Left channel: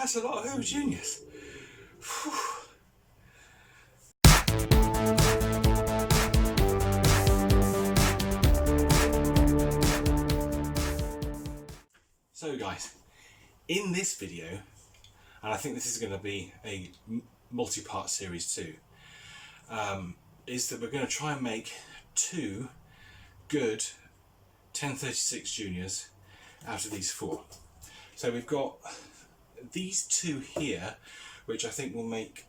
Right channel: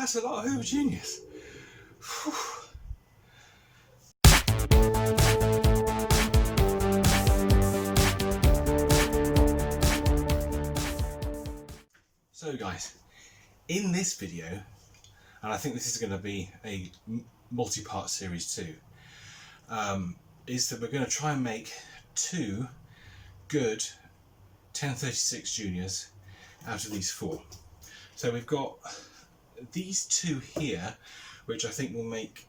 That's a lot of Hoover Juniors. Whew. So guys, in this video, and I think this is going to be a multi-part series too, is that we're going to try and make two good 1036 Juniors out of these four. So we've got these two here, which I think will make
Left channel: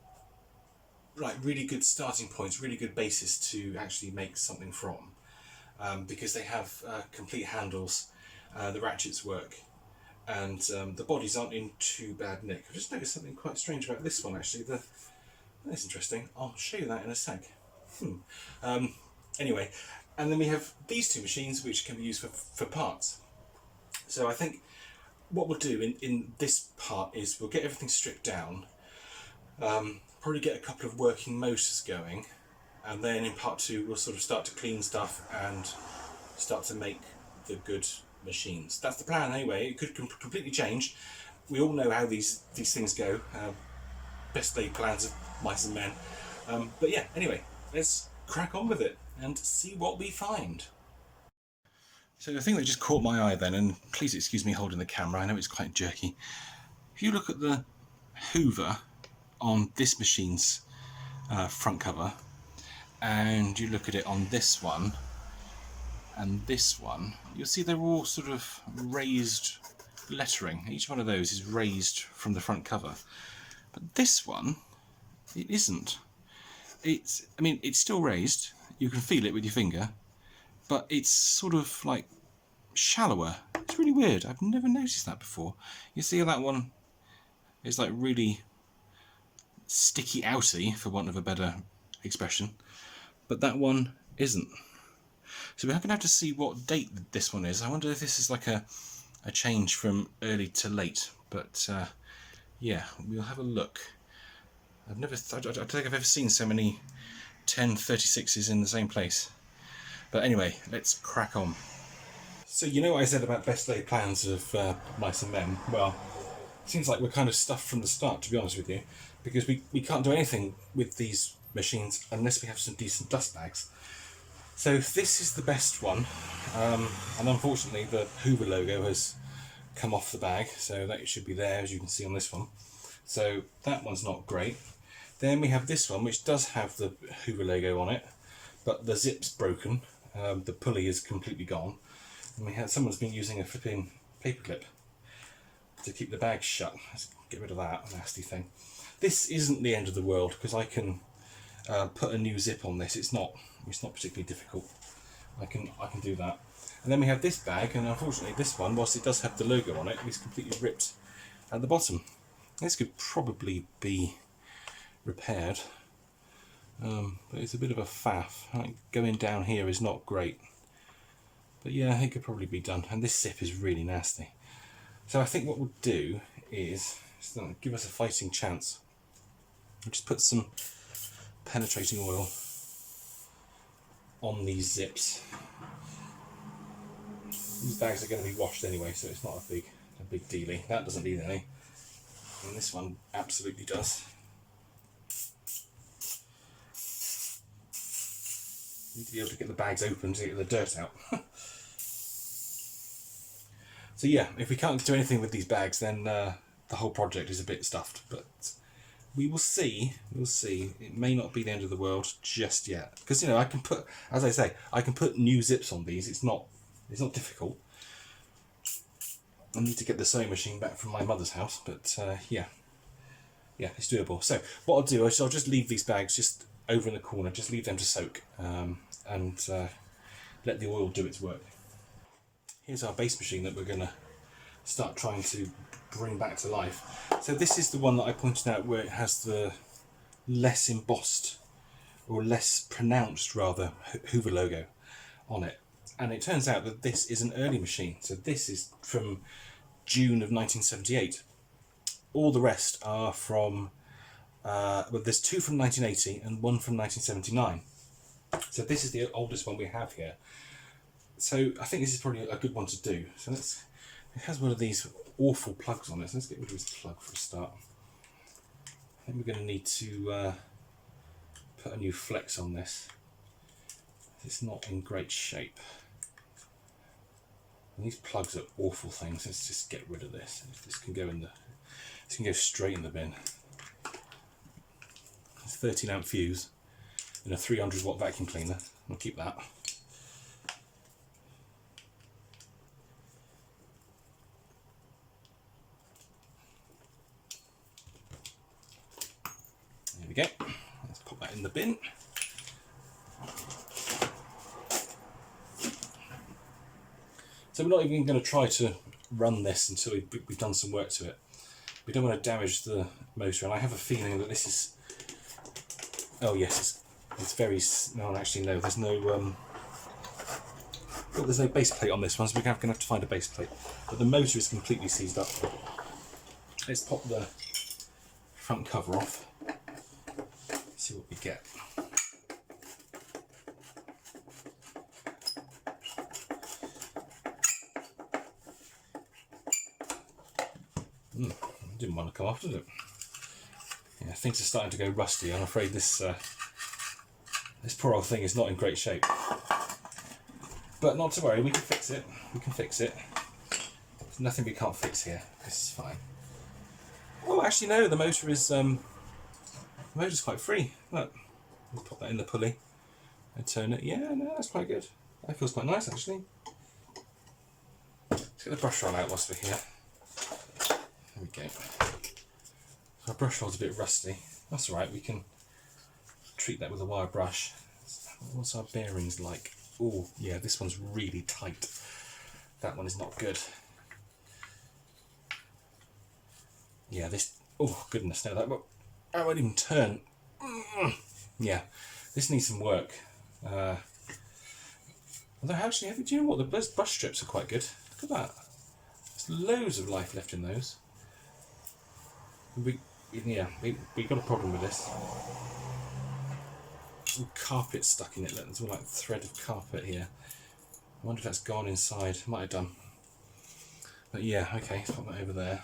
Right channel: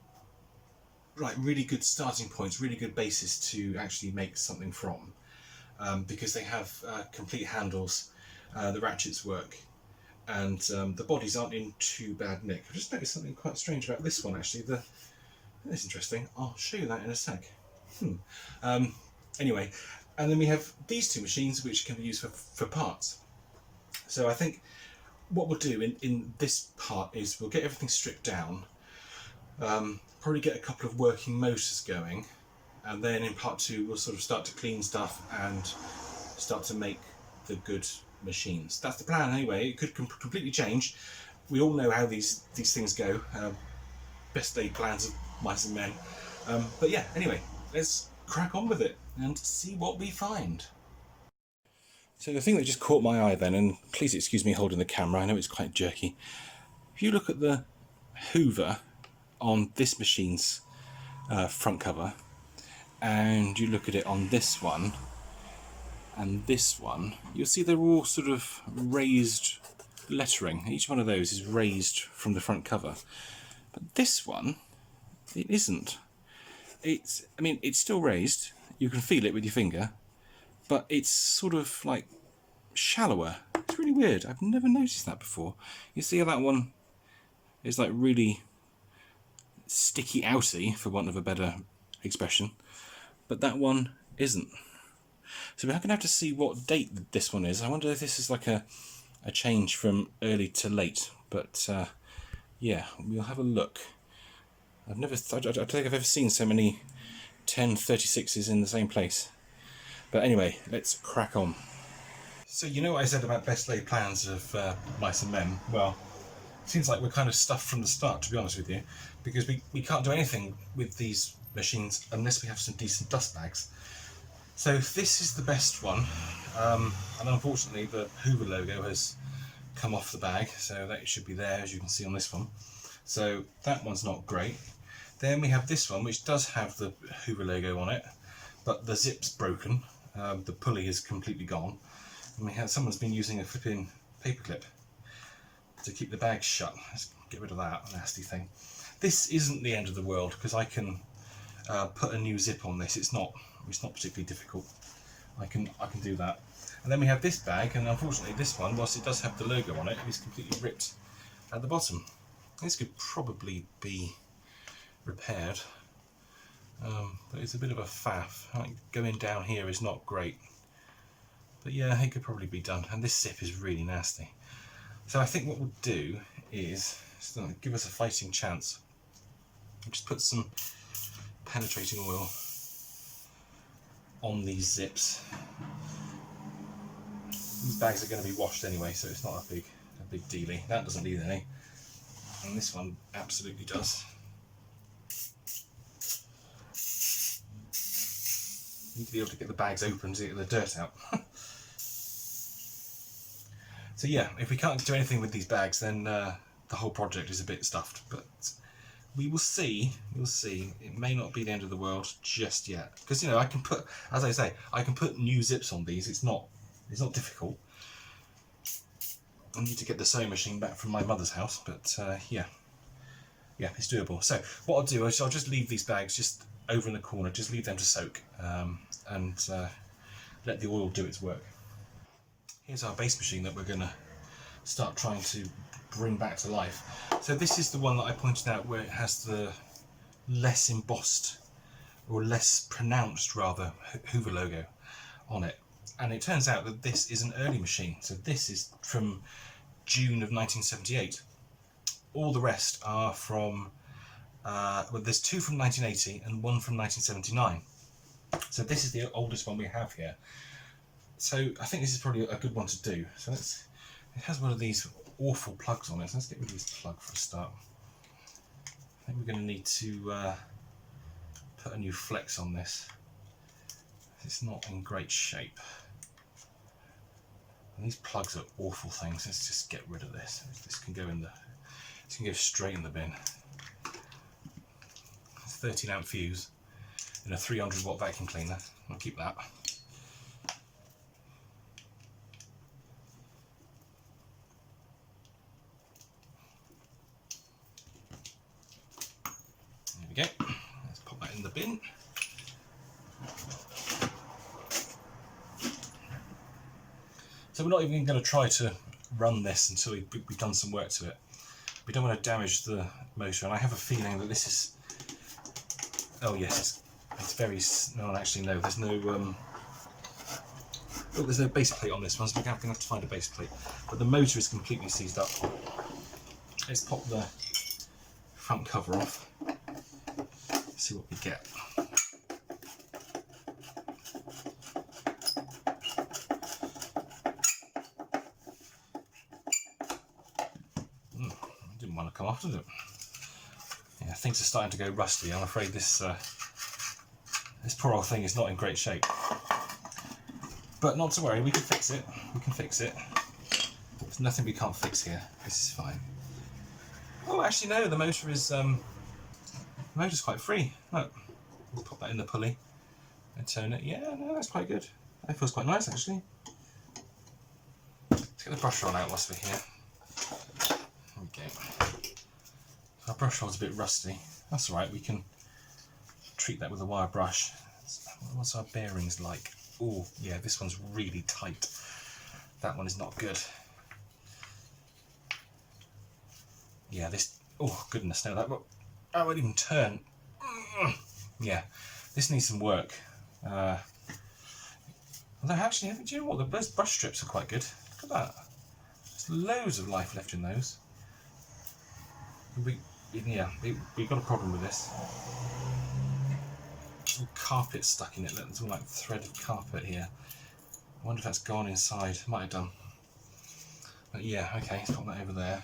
really good starting points, really good basis to actually make something from, because they have complete handles, the ratchets work, and the bodies aren't in too bad nick. I've just noticed something quite strange about this one actually. That's interesting. I'll show you that in a sec. Anyway, and then we have these two machines which can be used for parts. So I think what we'll do in this part is we'll get everything stripped down, probably get a couple of working motors going, and then in part two we'll sort of start to clean stuff and start to make the good machines. That's the plan anyway. It could completely change. We all know how these things go. Best laid plans of mice and men. But yeah, anyway, let's crack on with it and see what we find. So the thing that just caught my eye then, and please excuse me holding the camera, I know it's quite jerky. If you look at the Hoover on this machine's front cover, and you look at it on this one and this one, you'll see they're all sort of raised lettering. Each one of those is raised from the front cover. But this one, it isn't. I mean, it's still raised. You can feel it with your finger, but it's sort of like shallower. It's really weird. I've never noticed that before. You see how that one is like really sticky outy, for want of a better expression, but that one isn't. So we're going to have to see what date this one is. I wonder if this is like a change from early to late, but yeah, we'll have a look. I don't think I've ever seen so many 1036s in the same place. But anyway, let's crack on. So you know what I said about best laid plans of mice and men? Well, it seems like we're kind of stuffed from the start, to be honest with you, because we can't do anything with these machines unless we have some decent dust bags. So this is the best one, and unfortunately the Hoover logo has come off the bag, so that should be there, as you can see on this one. So that one's not great. Then we have this one, which does have the Hoover logo on it, but the zip's broken, the pulley is completely gone, and someone's been using a flipping paperclip to keep the bag shut. Let's get rid of that nasty thing. This isn't the end of the world, because I can put a new zip on this. It's not particularly difficult. I can do that. And then we have this bag, and unfortunately this one, whilst it does have the logo on it, is completely ripped at the bottom. This could probably be repaired, but it's a bit of a faff. Going down here is not great, but yeah, it could probably be done. And this zip is really nasty. So I think what we'll do is give us a fighting chance. We'll just put some penetrating oil on these zips. These bags are going to be washed anyway, so it's not a big dealie. That doesn't need any, and this one absolutely does. You need to be able to get the bags open to get the dirt out. So yeah, if we can't do anything with these bags, then the whole project is a bit stuffed, but we will see. We'll see. It may not be the end of the world just yet, because, you know, I can put, as I say, I can put new zips on these. It's not difficult. I need to get the sewing machine back from my mother's house, but yeah, it's doable. So what I'll do is I'll just leave these bags just over in the corner, just leave them to soak, and let the oil do its work. Here's our base machine that we're going to start trying to bring back to life. So this is the one that I pointed out where it has the less embossed, or less pronounced rather, Hoover logo on it. And it turns out that this is an early machine. So this is from June of 1978. All the rest are from, well, there's two from 1980 and one from 1979. So this is the oldest one we have here. So I think this is probably a good one to do. So it has one of these awful plugs on it, so let's get rid of this plug for a start. I think we're going to need to put a new flex on this. It's not in great shape. And these plugs are awful things. Let's just get rid of this. This can go in the. This can go straight in the bin. It's 13 amp fuse in a 300 watt vacuum cleaner. I'll keep that. There we go. Let's put that in the bin. So we're not even going to try to run this until we've done some work to it. We don't want to damage the motor, and I have a feeling that this is. Oh yes, it's very. No, actually no. There's no. Well, there's no base plate on this one, so we're going to have to find a base plate. But the motor is completely seized up. Let's pop the front cover off. See what we get. Didn't want to come off, did it? Yeah, things are starting to go rusty. I'm afraid this this poor old thing is not in great shape. But not to worry, we can fix it. We can fix it. There's nothing we can't fix here. This is fine. Well, actually, no. The motor is the motor's quite free. Look, we'll pop that in the pulley and turn it. Yeah, no, that's quite good. That feels quite nice, actually. Let's get the brush roll out whilst we're here. There we go. Our brush roll's a bit rusty. That's alright, we can treat that with a wire brush. What's our bearings like? Oh, yeah, this one's really tight. That one is not good. Yeah, this... Oh, goodness, no, that won't even turn. Yeah, this needs some work. Although, actually, do you know what? Those brush strips are quite good. Look at that. There's loads of life left in those. We got a problem with this. Some carpet stuck in it. There's all like thread of carpet here. I wonder if that's gone inside. Might have done. But yeah, okay, let's pop that over there.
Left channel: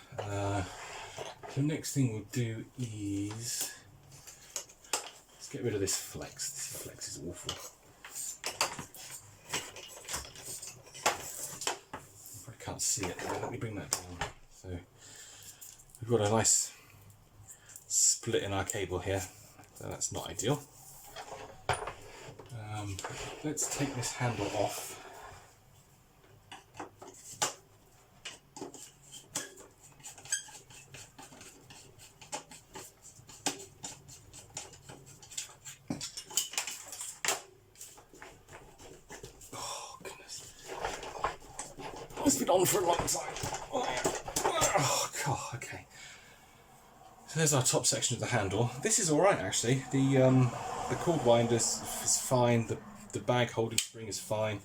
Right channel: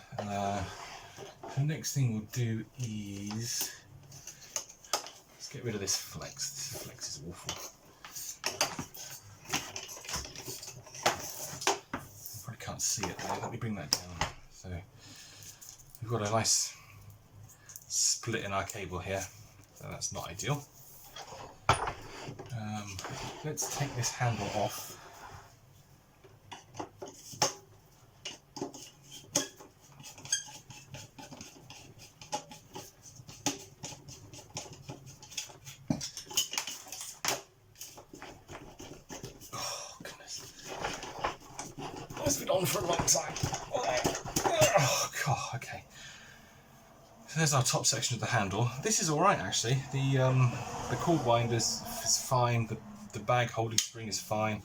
The next thing we'll do is let's get rid of this flex. This flex is awful. You probably can't see it there. Let me bring that down. So we've got a nice split in our cable here, so that's not ideal. Let's take this handle off. Oh goodness, it's been on for a long time. Oh god, okay. So there's our top section of the handle. This is all right actually. The cord winder is fine. The bag holding spring is fine.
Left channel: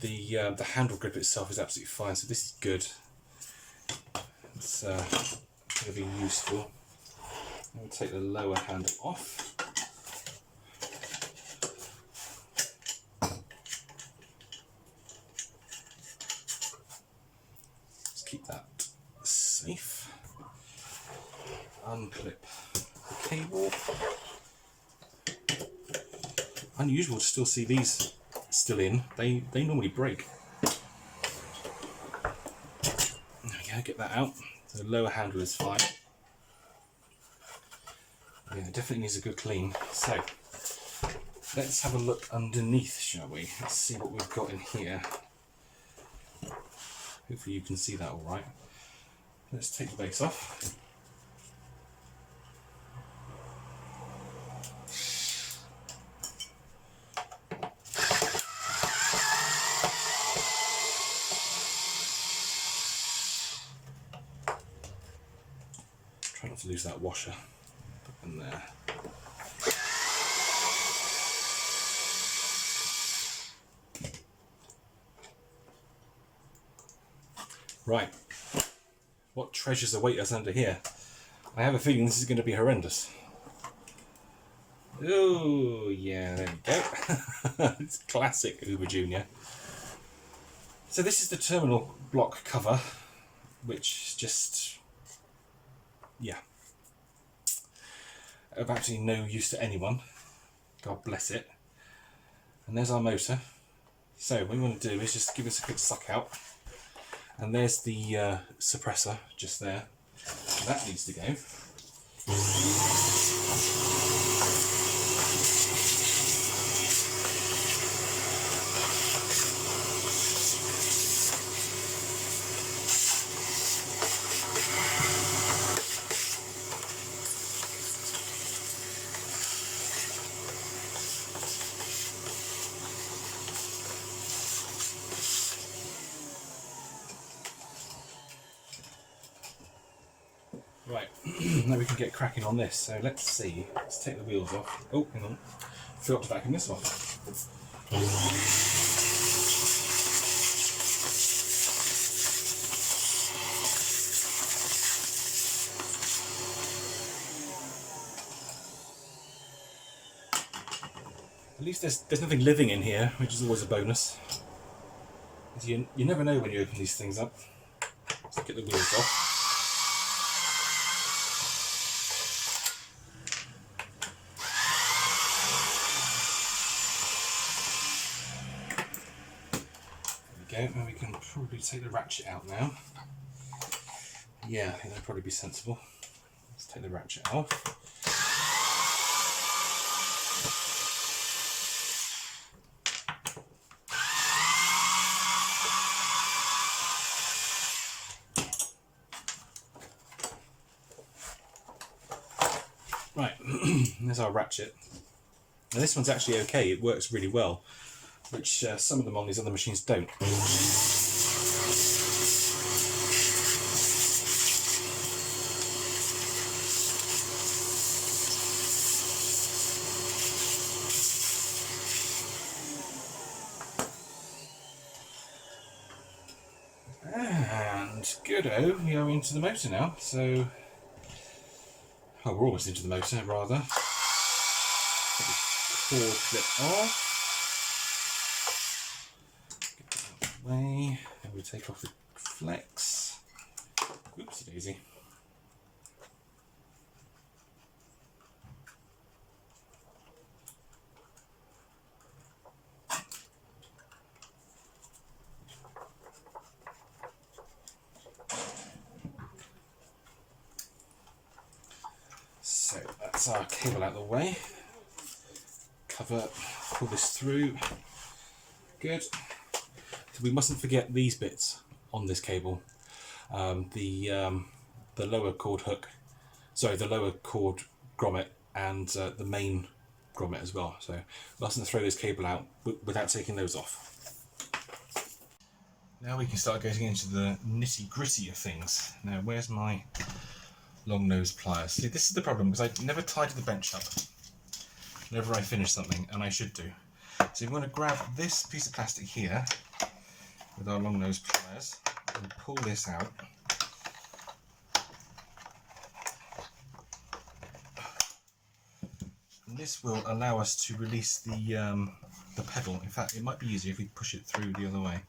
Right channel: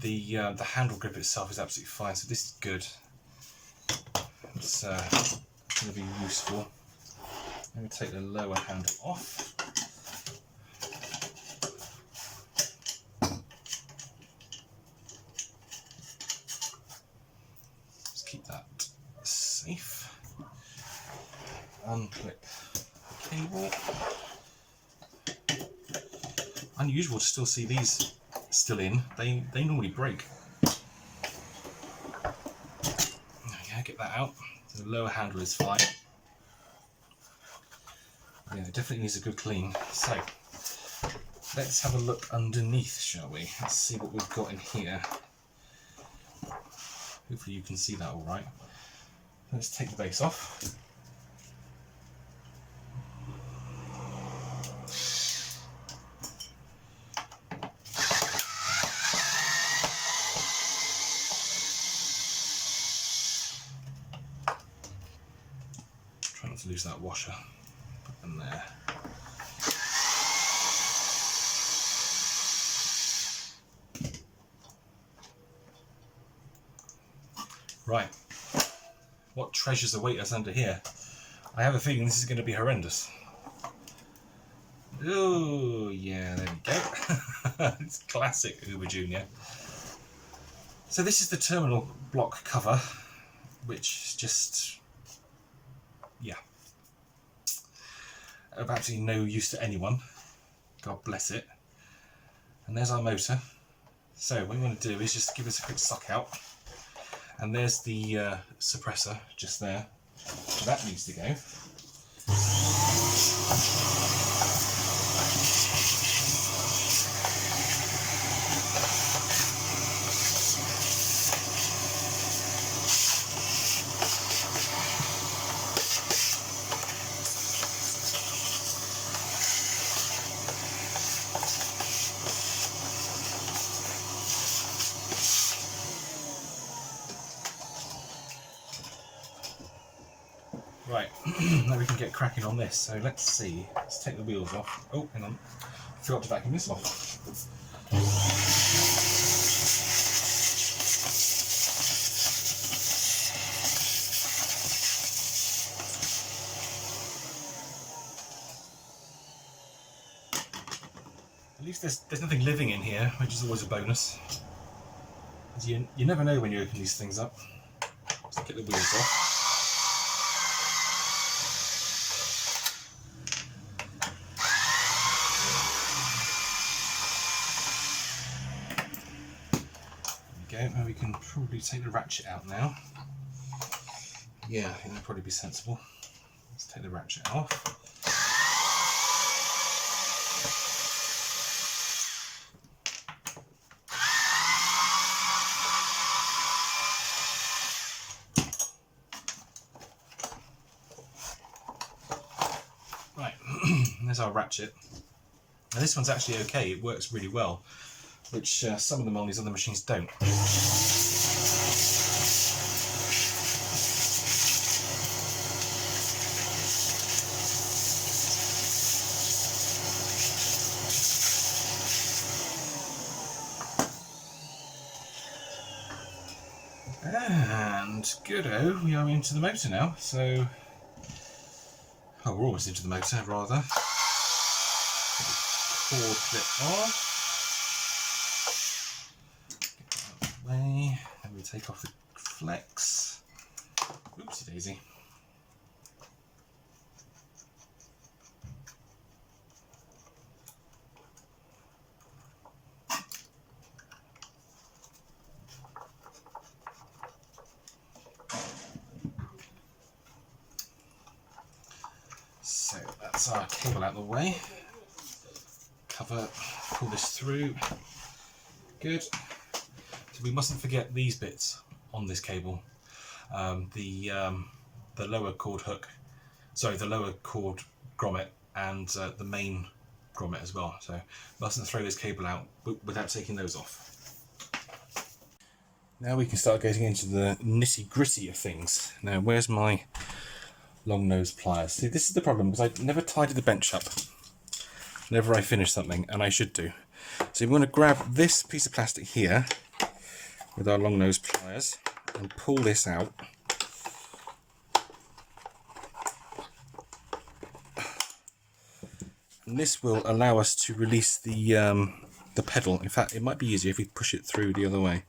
The handle grip itself is absolutely fine. So this is good. It's going to be useful. I'm going to take the lower handle off. Let's keep that safe. Unclip the cable. Unusual to still see these still in. They normally break. There we go, get that out. So the lower handle is fine. Yeah, it definitely needs a good clean. So let's have a look underneath, shall we? Let's see what we've got in here. Hopefully you can see that all right. Let's take the base off. Try not to lose that washer. Put them there. Right, what treasures await us under here? I have a feeling this is going to be horrendous. Oh yeah, there we go. It's classic Hoover Junior. So this is the terminal block cover. which is just, yeah, of absolutely no use to anyone. God bless it. And there's our motor. So what we want to do is just give this a quick suck out. And there's the suppressor just there. That needs to go. Right, now we can get cracking on this. So let's see. Let's take the wheels off. Oh, hang on. Forgot to vacuum this off. At least there's nothing living in here, which is always a bonus. As you never know when you open these things up. Let's get the wheels off. And we can probably take the ratchet out now. Yeah, I think that'd probably be sensible. Let's take the ratchet off. Right, there's our ratchet. Now this one's actually okay, it works really well, which some of them on these other machines don't. And good-o, we are into the motor now, so... Oh, we're almost into the motor, rather. Cord clip off. Get that out of the way, and we take off the flex. Whoopsie daisy. So that's our cable out of the way. Cover, pull this through. Good. So we mustn't forget these bits on this cable. The lower cord hook, sorry, the lower cord grommet and the main grommet as well. So mustn't throw this cable out without taking those off. Now we can start getting into the nitty gritty of things. Now where's my long nose pliers? See, this is the problem because I never tidy the bench up whenever I finish something, and I should do. So we're going to grab this piece of plastic here with our long nose pliers and pull this out. And this will allow us to release the pedal. In fact, it might be easier if we push it through the other way.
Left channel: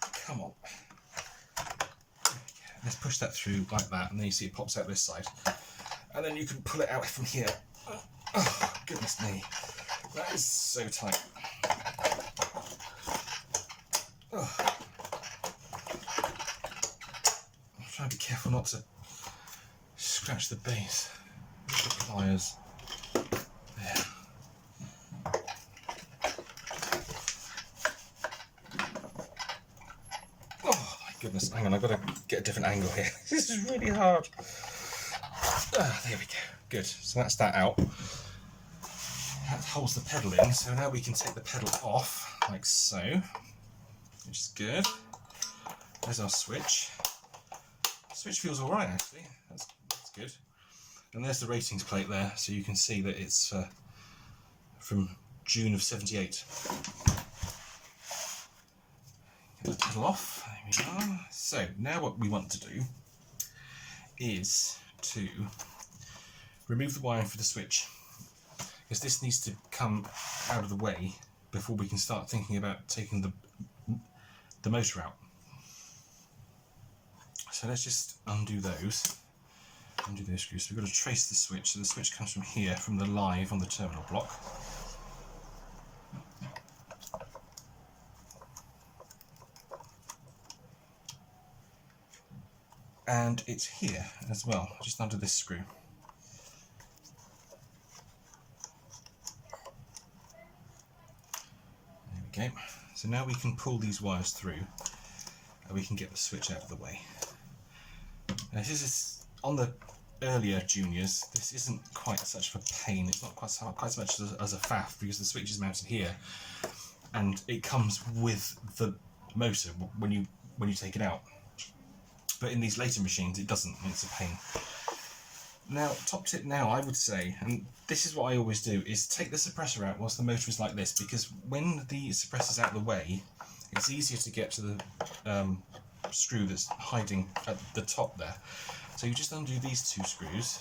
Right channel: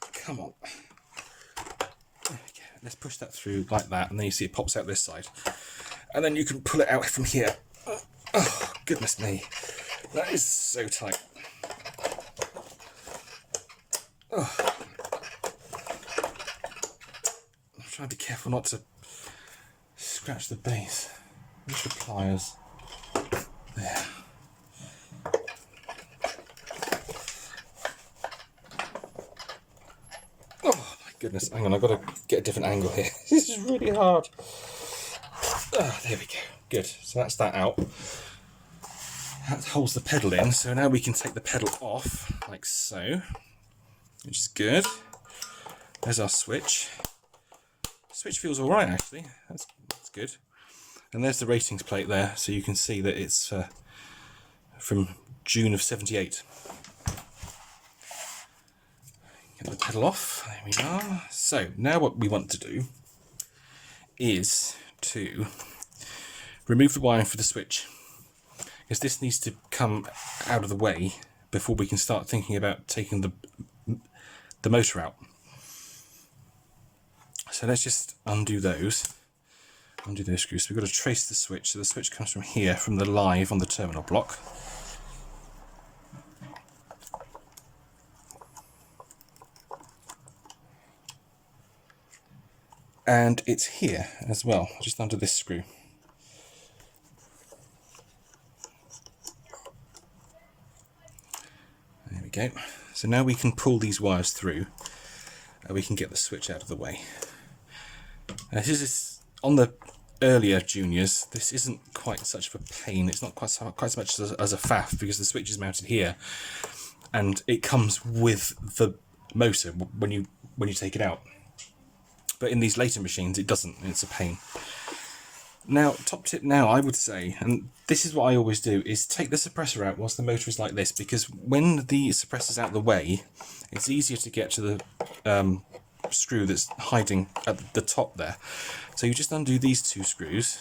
Come on. Let's push that through like that, and then you see it pops out this side. And then you can pull it out from here. Oh, goodness me. That is so tight. Oh. I'm trying to be careful not to scratch the base. Where's the pliers? There. Oh my goodness, hang on, I've got to get a different angle here. This is really hard. Ah, there we go. Good. So that's that out. That holds the pedal in. So now we can take the pedal off, like so, which is good. There's our switch. Switch feels all right, actually. That's good. And there's the ratings plate there, so you can see that it's from June of '78. Get the pedal off. There we are. So now what we want to do is to remove the wiring for the switch, because this needs to come out of the way before we can start thinking about taking the motor out. So let's just undo those screws. So we've got to trace the switch. So the switch comes from here, from the live on the terminal block. And it's here as well, just under this screw. There we go. So now we can pull these wires through and we can get the switch out of the way. This is on the earlier Juniors, this isn't quite such a pain. It's not quite so much as a faff, because the switch is mounted here and it comes with the motor when you take it out. But in these later machines it doesn't, and it's a pain. Now, top tip now, I would say, and this is what I always do, is take the suppressor out whilst the motor is like this, because when the suppressor's out of the way, it's easier to get to the screw that's hiding at the top there. So you just undo these two screws.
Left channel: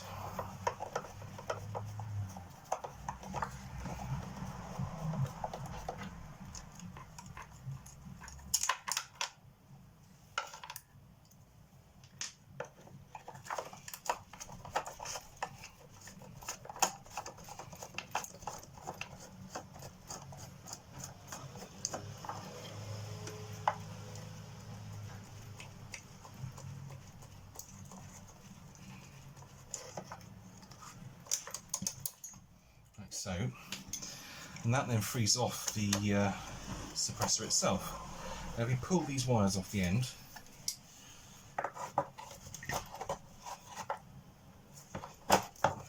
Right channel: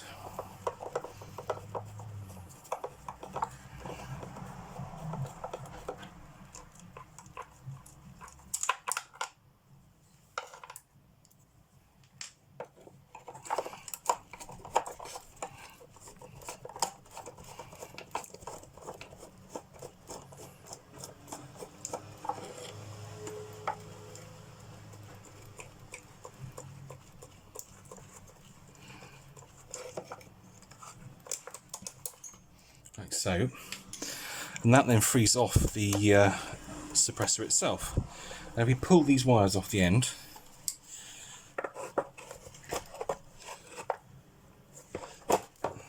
Like so, and that then frees off the suppressor itself. Now we pull these wires off the end,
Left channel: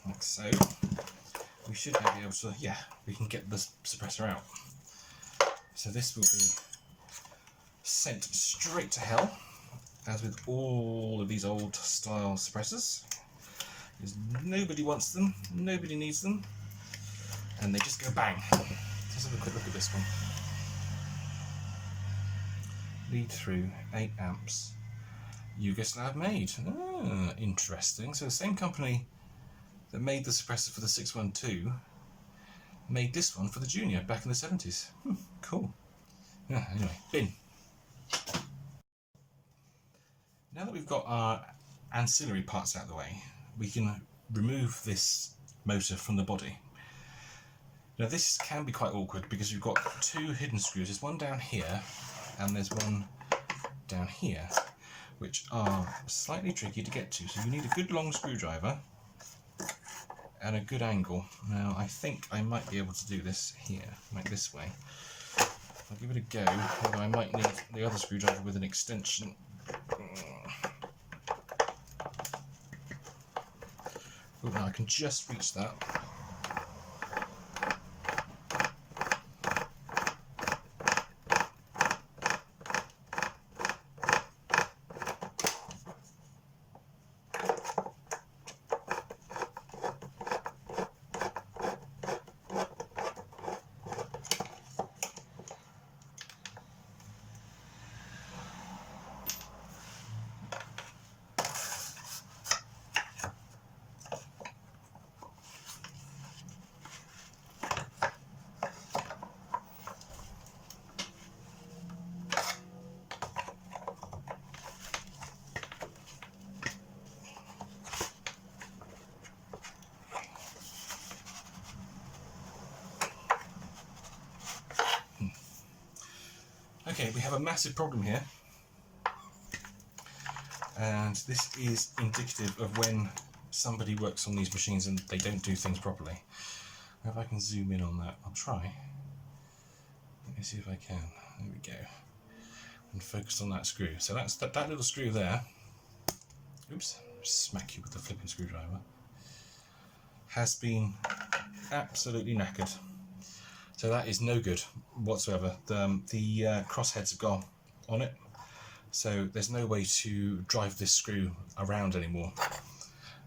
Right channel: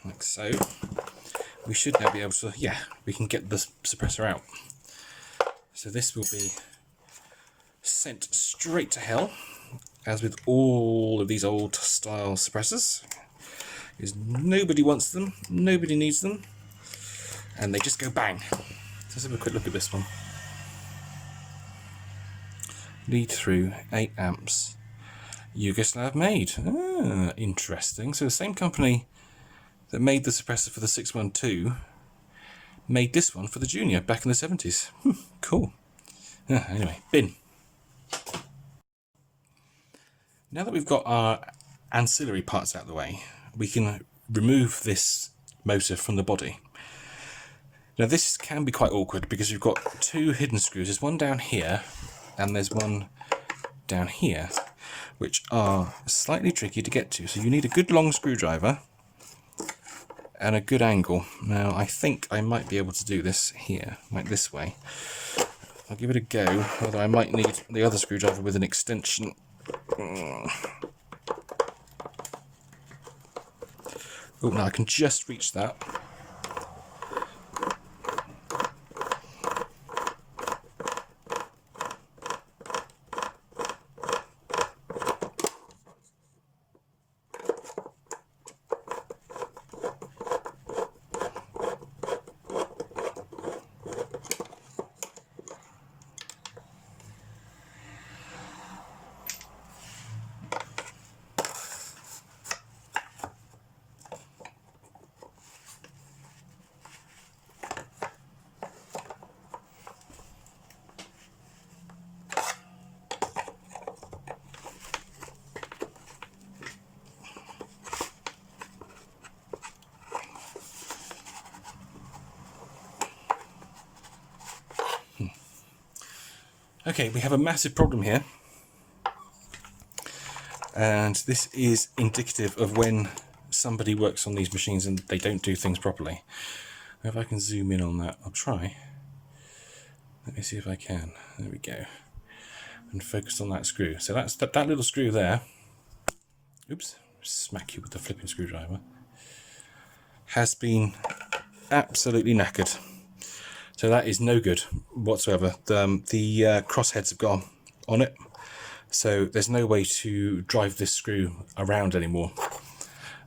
like so, we should now be able to, we can get the suppressor out. So this will be sent straight to hell, as with all of these old style suppressors, because nobody wants them, nobody needs them, and they just go bang. Let's have a quick look at this one. Lead through 8 amps, Yugoslav made. Ah, interesting. So the same company that made the suppressor for the 612 made this one for the Junior back in the 70s. Cool. Anyway, bin. Now that we've got our ancillary parts out of the way, we can remove this motor from the body. Now this can be quite awkward because you've got two hidden screws. There's one down here and there's one down here, which are slightly tricky to get to. So you need a good long screwdriver and a good angle. Now I think I might be able to do this here, like this way. I'll give it a go, although I might need the other screwdriver with an extension. Oh, now I can just reach that. Okay, we have a massive problem here, and this is indicative of when somebody works on these machines and they don't do things properly. If I can zoom in on that, I'll try. Let me see if I can. There we go. And focus on that screw. So that's that little screw there. Oops, smack you with the flipping screwdriver. Has been absolutely knackered. So that is no good whatsoever. The crossheads have gone on it, so there's no way to drive this screw around anymore.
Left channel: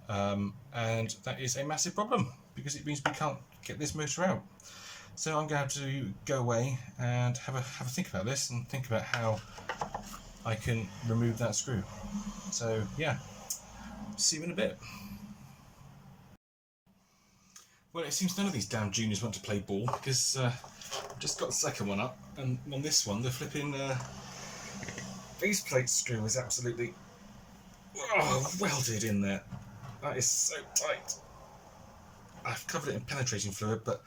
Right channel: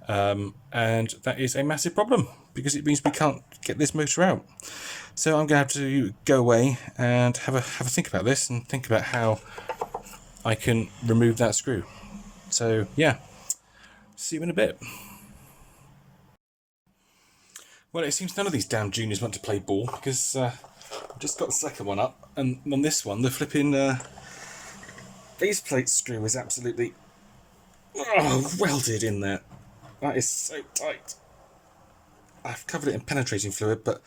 And that is a massive problem, because it means we can't get this motor out. So I'm going to have to go away and have a think about this, and think about how I can remove that screw. So yeah, see you in a bit. Well, it seems none of these damn juniors want to play ball, because I've just got the second one up, and on this one the flipping base plate screw is absolutely welded in there. That is so tight. I've covered it in penetrating fluid, but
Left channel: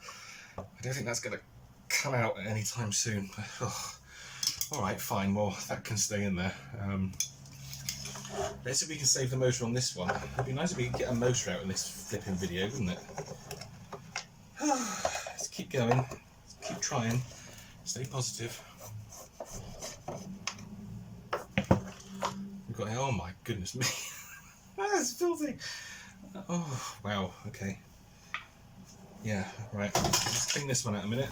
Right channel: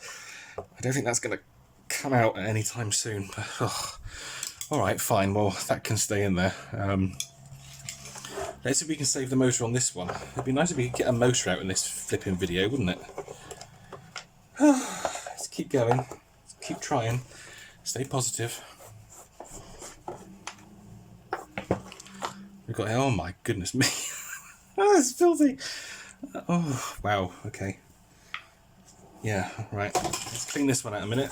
I don't think that's going to come out at any time soon. Alright, fine, well, that can stay in there. Let's see if we can save the motor on this one. It'd be nice if we could get a motor out in this flipping video, wouldn't it? Let's keep going. Let's keep trying. Stay positive. We've got, oh my goodness me. It's filthy. Oh, wow, okay. Yeah, right. Let's clean this one out a minute.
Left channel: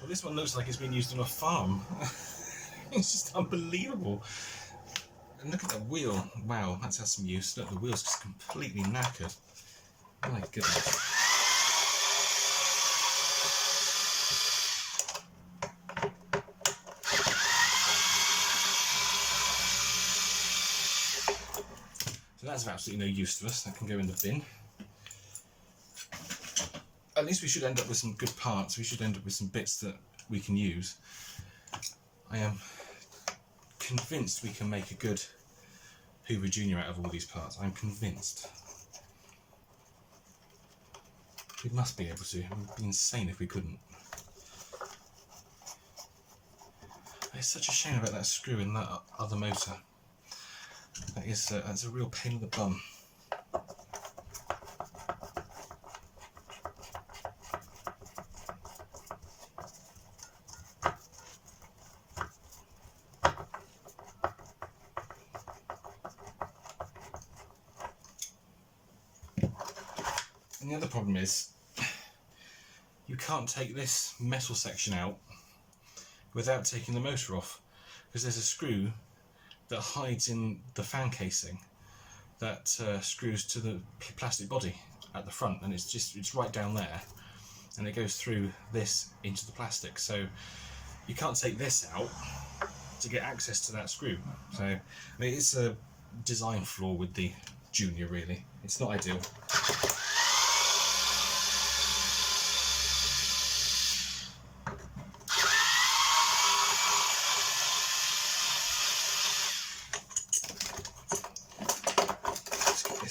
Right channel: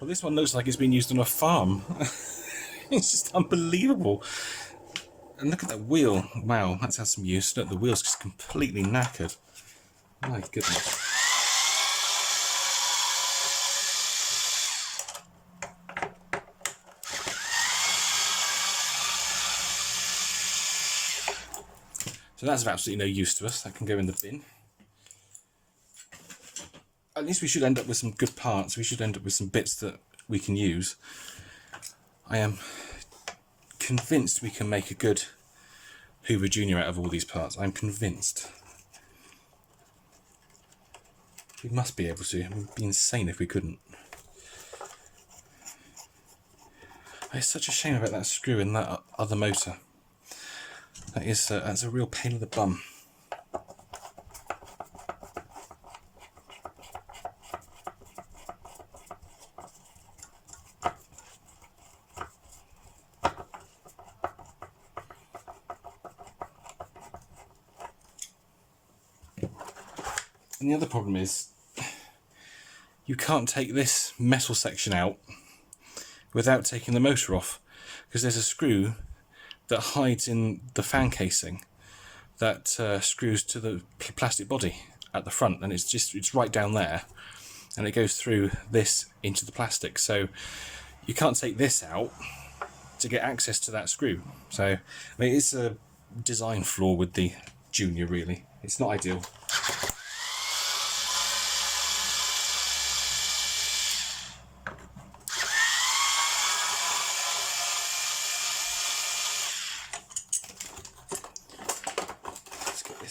Well, this one looks like it's been used on a farm. It's just unbelievable. And look at that wheel. Wow, that's had some use. Look, the wheel's just completely knackered. My goodness. So that's of absolutely no use to us. That can go in the bin. At least we should end up with some good parts. We should end up with some bits that we can use. I am convinced we can make a good Hoover Junior out of all these parts. I'm convinced. We must be able to. It would be insane if we couldn't. It's such a shame about that screw in that other motor. That's a real pain in the bum. And the other problem is, you can't take this metal section out without taking the motor off, because there's a screw that hides in the fan casing that screws to the plastic body at the front, and it's right down there, and it goes through this into the plastic. So you can't take this out to get access to that screw. So I mean, it's a design flaw with the Junior, really. It's not ideal.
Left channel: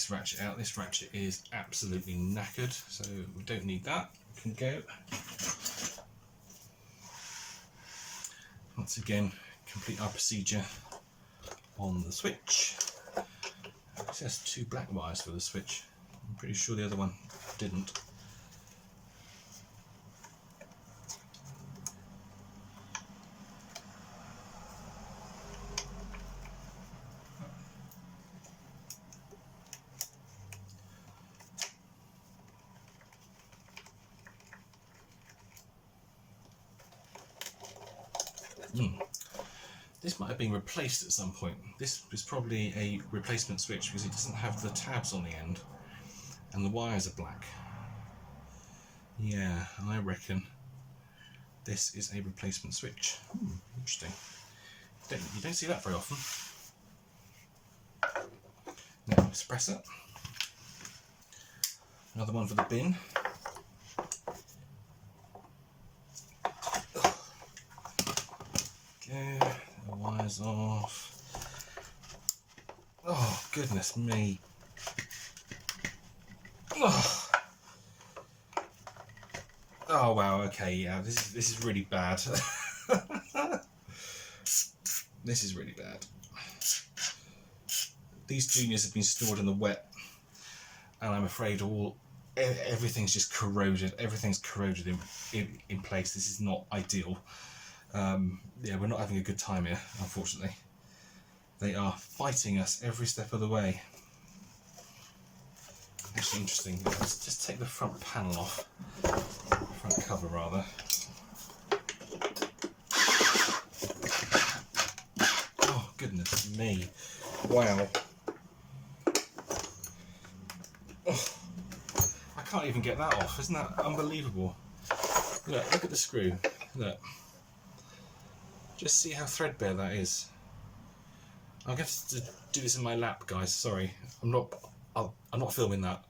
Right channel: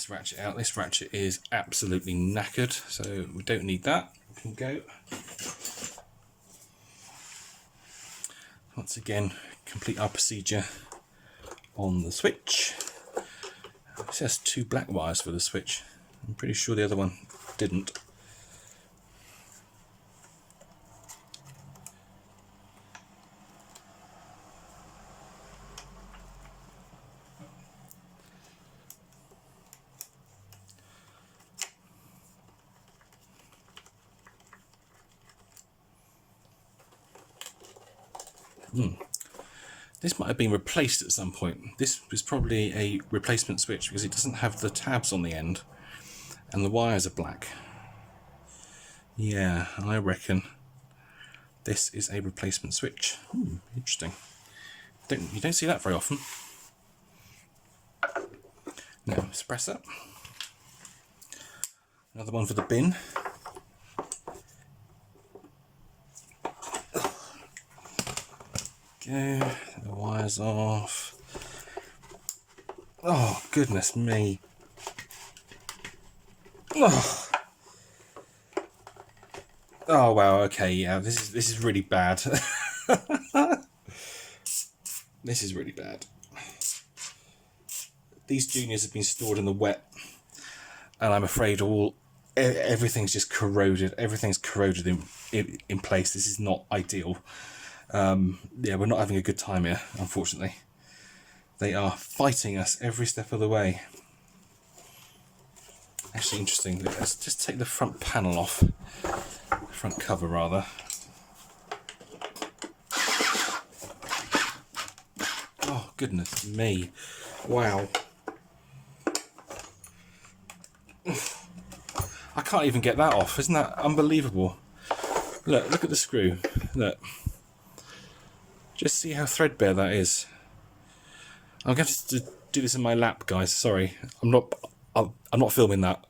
Ratchet out. This ratchet is absolutely knackered, so we don't need that. We can go. Once again, complete our procedure on the switch. This has 2 black wires for the switch. I'm pretty sure the other one didn't. This might have been replaced at some point. This was probably a replacement switch because it doesn't have the tabs on the end and the wires are black. Yeah, I reckon this is a replacement switch. Interesting. You don't see that very often. Now, espresso. Another one for the bin. Go, the wires off. Oh, goodness me. Oh, oh wow, okay, yeah, this is really bad. This is really bad. these juniors have been stored in the wet, and I'm afraid everything's just corroded. Everything's corroded in place. This is not ideal. Yeah, we're not having a good time here, unfortunately. They are fighting us every step of the way. Actually, interesting. Let's just take the front panel off, front cover rather. Oh goodness me! Wow. I can't even get that off. Isn't that unbelievable? Look at the screw. Look. Just see how threadbare that is. I'm going to have to do this in my lap, guys. Sorry, I'm not filming that.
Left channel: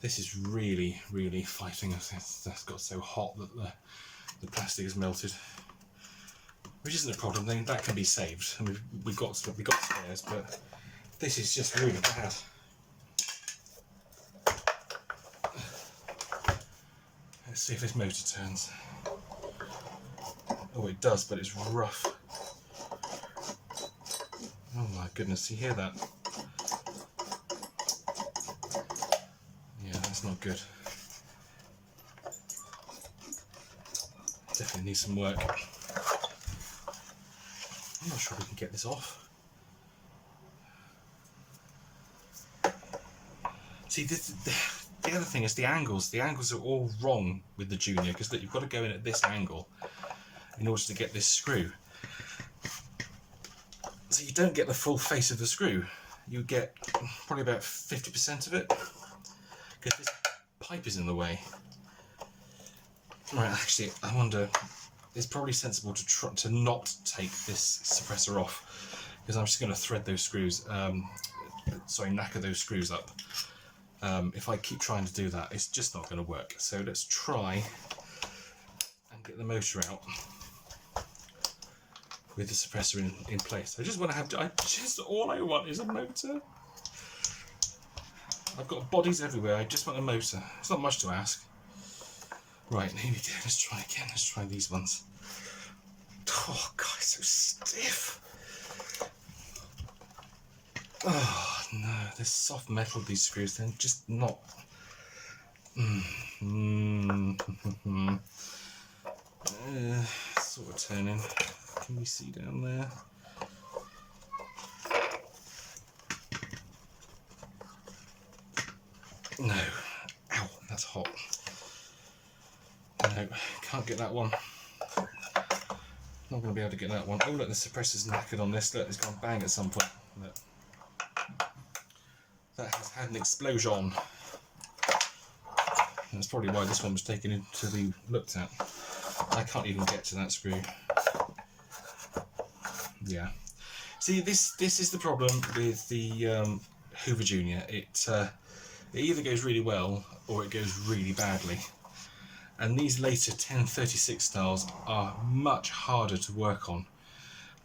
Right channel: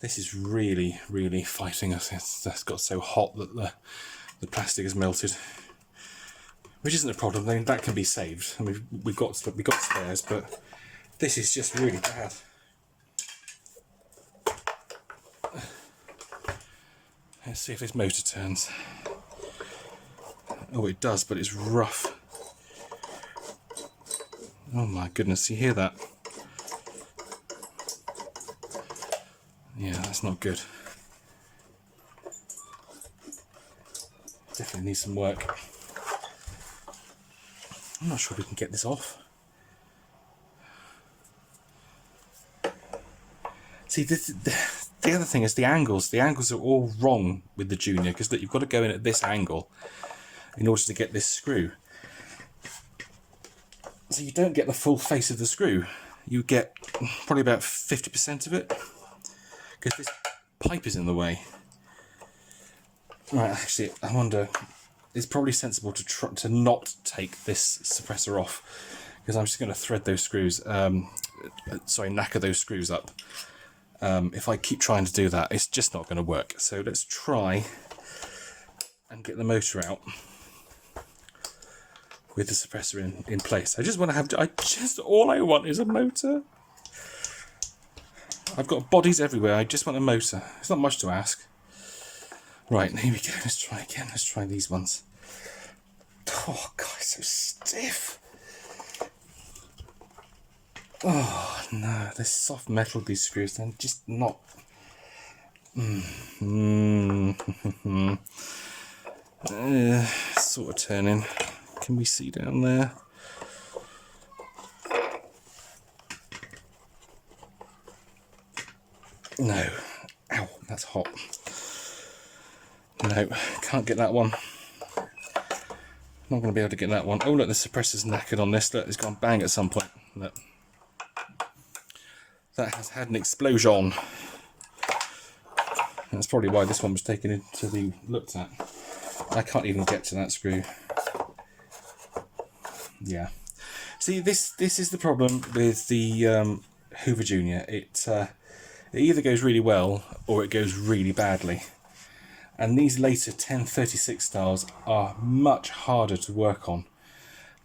This is really, really fighting us. It's got so hot that the plastic has melted, which isn't a problem. I mean, that can be saved. I mean, we've got spares, but this is just really bad. Let's see if this motor turns. Oh, it does, but it's rough. Oh my goodness, you hear that? Yeah, that's not good. Definitely needs some work. I'm not sure we can get this off. See, the other thing is the angles. The angles are all wrong with the Junior, because you've got to go in at this angle in order to get this screw. So you don't get the full face of the screw. You get probably about 50% of it, because this pipe is in the way. Right, actually, I wonder, it's probably sensible to not take this suppressor off, because I'm just going to thread those screws, knacker those screws up. If I keep trying to do that, it's just not going to work. So let's try and get the motor out with the suppressor in place. All I want is a motor. I've got bodies everywhere, I just want a motor. It's not much to ask. Right, here we go, let's try again. Let's try these ones. Oh god, so stiff. Oh no, this soft metal of these screws, they're just not... Sort of turning. Can we see down there? No. Ow, that's hot. No, can't get that one. Not going to be able to get that one. Oh look, the suppressor's knackered on this. Look, it's gone bang at some point. Look. That has had an explosion. That's probably why this one was taken in to be looked at. I can't even get to that screw. Yeah. See, this is the problem with the Hoover Junior. It either goes really well or it goes really badly. And these later 1036 styles are much harder to work on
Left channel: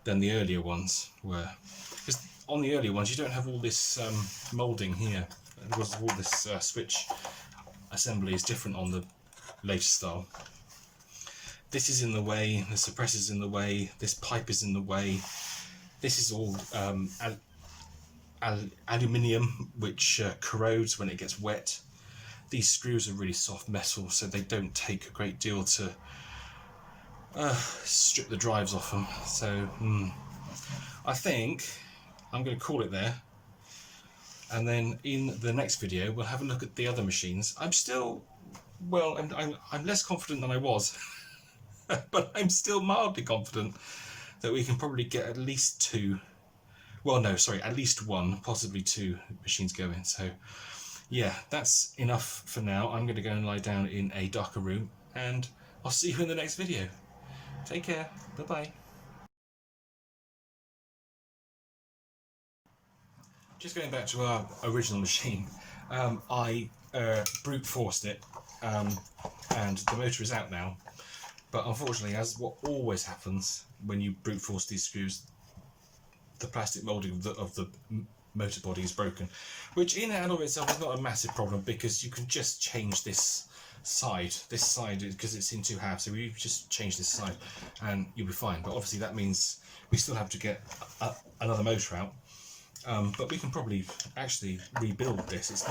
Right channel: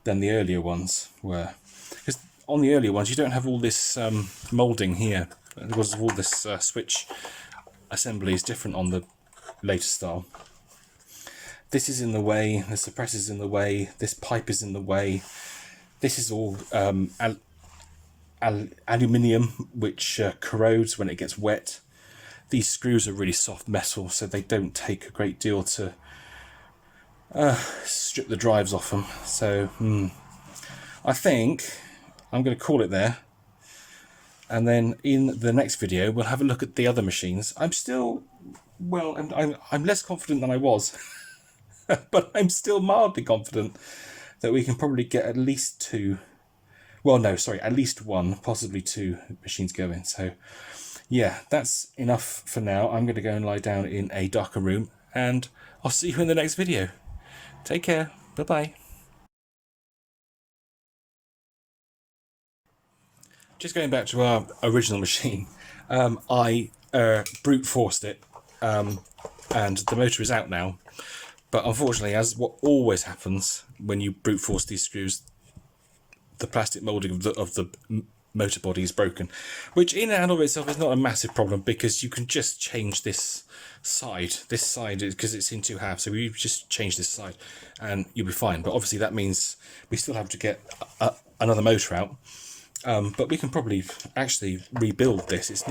than the earlier ones were. Because on the earlier ones you don't have all this moulding here. Because all this switch assembly is different on the later style. This is in the way, the suppressor's in the way, this pipe is in the way. This is all aluminium, which corrodes when it gets wet. These screws are really soft metal, so they don't take a great deal to strip the drives off them. So I think I'm going to call it there. And then in the next video, we'll have a look at the other machines. I'm still, well, I'm less confident than I was, but I'm still mildly confident that we can probably get at least two, well, no, sorry, at least one, possibly two machines going. So yeah, that's enough for now. I'm going to go and lie down in a darker room, and I'll see you in the next video. Take care. Bye-bye. Just going back to our original machine, I brute forced it, and the motor is out now. But unfortunately, as what always happens when you brute force these screws, the plastic moulding of the motor body is broken, which in and of itself is not a massive problem because you can just change this side because it's in two halves, so we just change this side and you'll be fine. But obviously that means we still have to get another motor out, but we can probably actually rebuild this. It's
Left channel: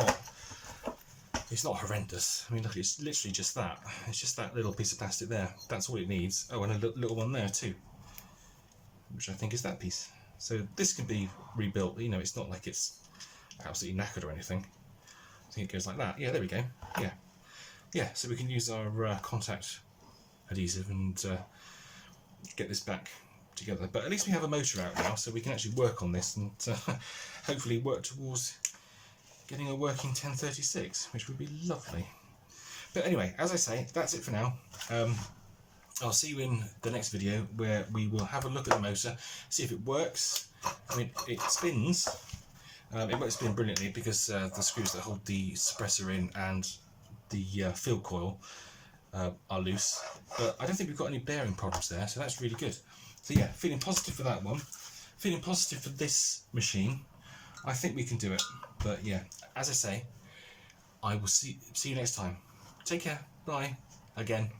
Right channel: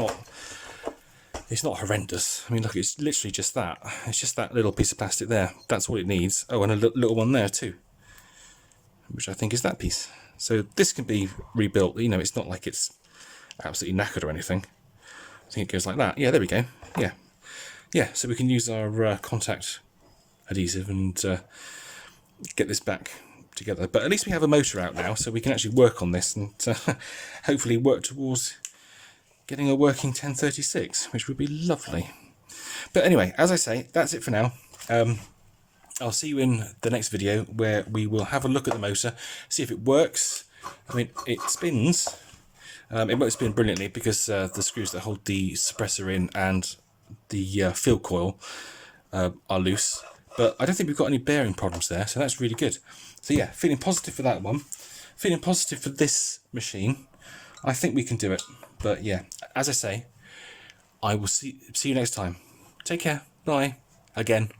not horrendous. I mean, look, it's literally just that. It's just that little piece of plastic there. That's all it needs. Oh, and a little one there too, which I think is that piece. So this can be rebuilt. You know, it's not like it's absolutely knackered or anything. I think it goes like that. Yeah, there we go. Yeah. So we can use our contact adhesive and get this back together. But at least we have a motor out now, so we can actually work on this and hopefully work towards getting a working 1036, which would be lovely. But anyway, as I say, that's it for now. I'll see you in the next video where we will have a look at the motor, see if it works. I mean, it spins. It won't spin brilliantly because the screws that hold the suppressor in and the field coil are loose. But I don't think we've got any bearing problems there, so that's really good. So yeah, feeling positive for that one. Feeling positive for this machine. I think we can do it. But yeah, as I say, I will see you next time. Take care. Bye. Again.